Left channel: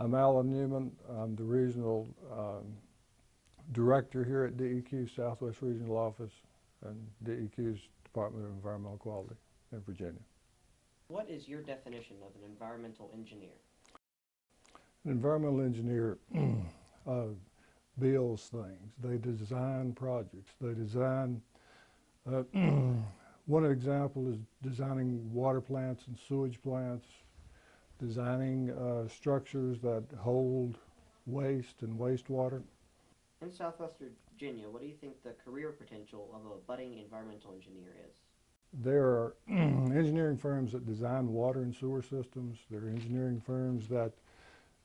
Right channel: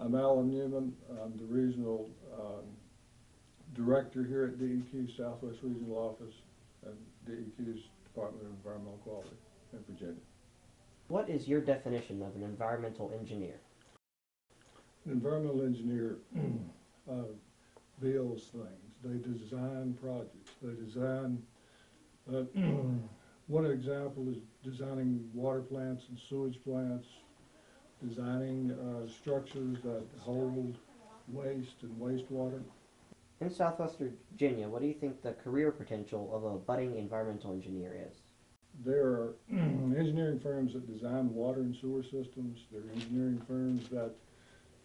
I'm Alan Newman. I'm the regional director here at DEQ Southwest Regional Office and DEQ's Department of Environmental Quality in Virginia. What is your definition of an environmental engineer? An environmental engineer builds things. They design projects. They design, one example is designing water plants and sewage plants, designing structures that hold waste and wastewater. In Southwest Virginia, what do you think the career potential of a budding environmental engineer is? There are engineering firms that design water and sewer systems. There are engineering firms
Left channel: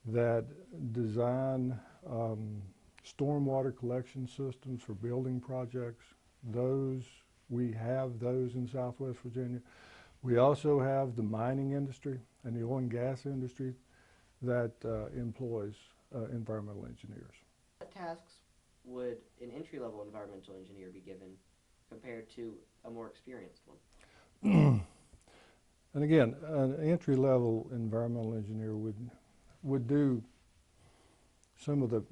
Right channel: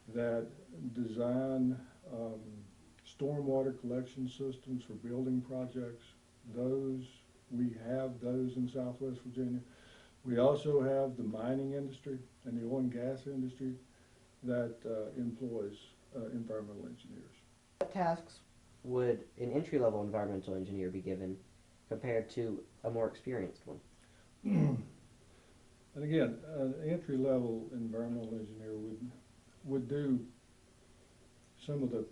that design stormwater collection systems for building projects. We have those in Southwest Virginia. We also have the mining industry and the oil and gas industry that employs environmental engineers. What tasks would an entry-level environmental engineer be given compared to a more experienced one? And again, an entry-level environmental engineer would do some of the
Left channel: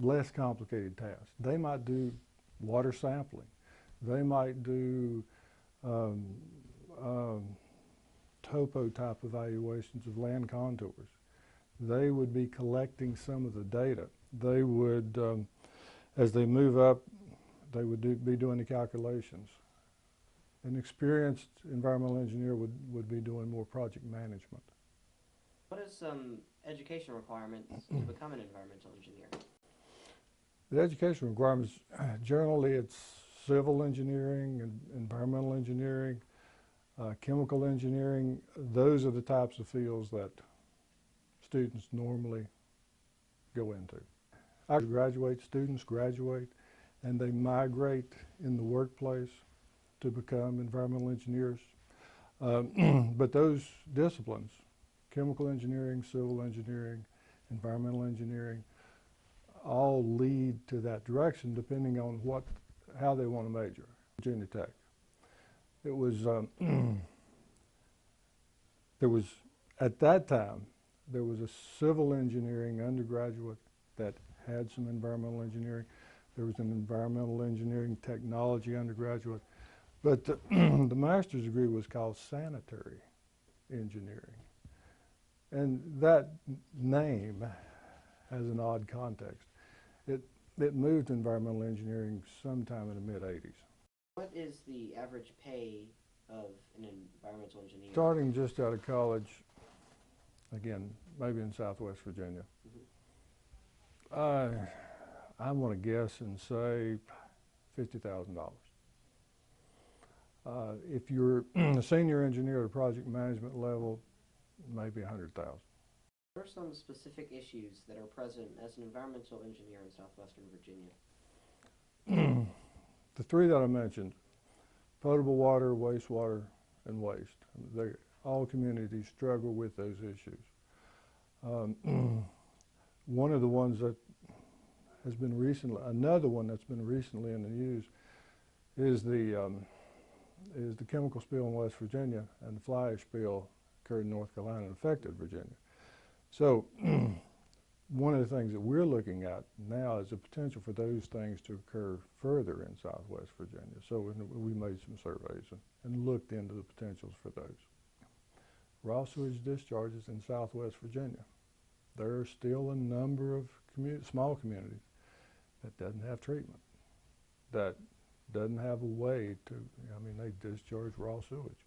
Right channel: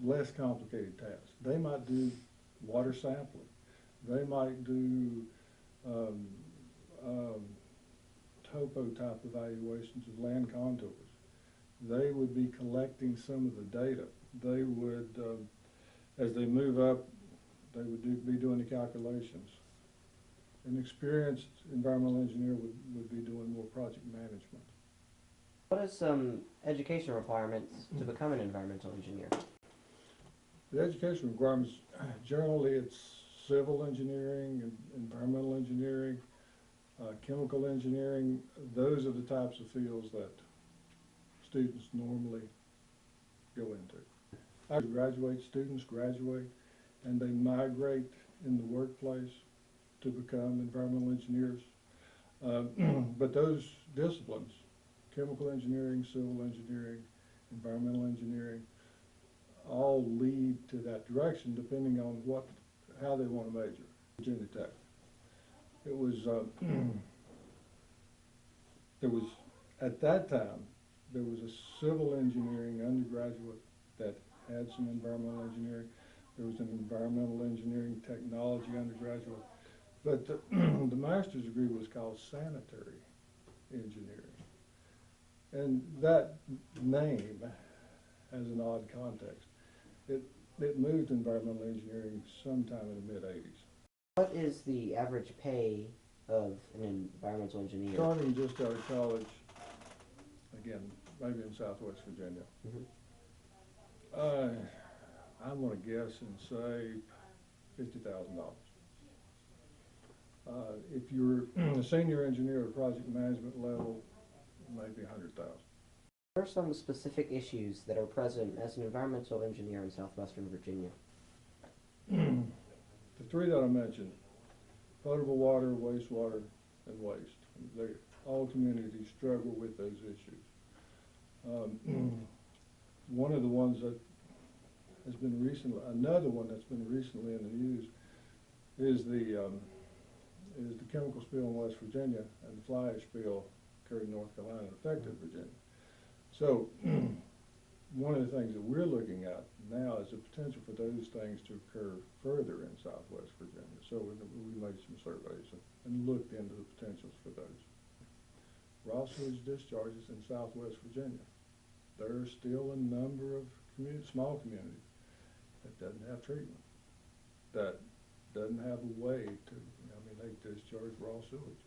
less complicated tasks. They might do water sampling. They might do topo type evaluations of land contours. They would be collecting some of the data. They would, as they move up, they would be doing the calculations. An experienced environmental engineer would be doing more project management. What are some education requirements to become an environmental engineer? The education requirements, generally it's civil engineering and environmental engineering, chemical engineering. Those are the types of fields that students normally go into. Students graduate, and they migrate in the workplace to become environmental engineers. But those disciplines, chemical engineering, civil engineering, environmental engineering, all lead to that direction depending on how they want to major. Virginia Tech. It was, at that time, there was a civil engineering undergraduate that had some environmental engineering. There was an environmental engineering technology undergraduate. But the master's degree was called sanitary engineering. And that name has an odd context. It moved to environmental engineering sometime in the mid-'80s. What is the average pay of an environmental engineer? Starting just out of college, again, maybe in Southwest Virginia, I want to guess and say $50,000. If you're a senior engineer at a project management level, maybe $100,000. What are some specific issues that are present as an environmental engineer in Southwestern Virginia? The three that I mentioned, potable water, wastewater, and waste. All communities struggle with those issues. One of the ones that has been recently, another one that's been recently in the news is the chemical spill in West Virginia, and the fly ash spill occurred in North Carolina and affected Virginia. So one of the things that we're looking at now is the potential for those things to occur further in Southwest Virginia. So we made some surveys and looked into the potentials for those. Raw sewage discharges in Southwest Virginia. There are still a number of small communities that doesn't have treatment, that doesn't have a way to, they discharge raw sewage.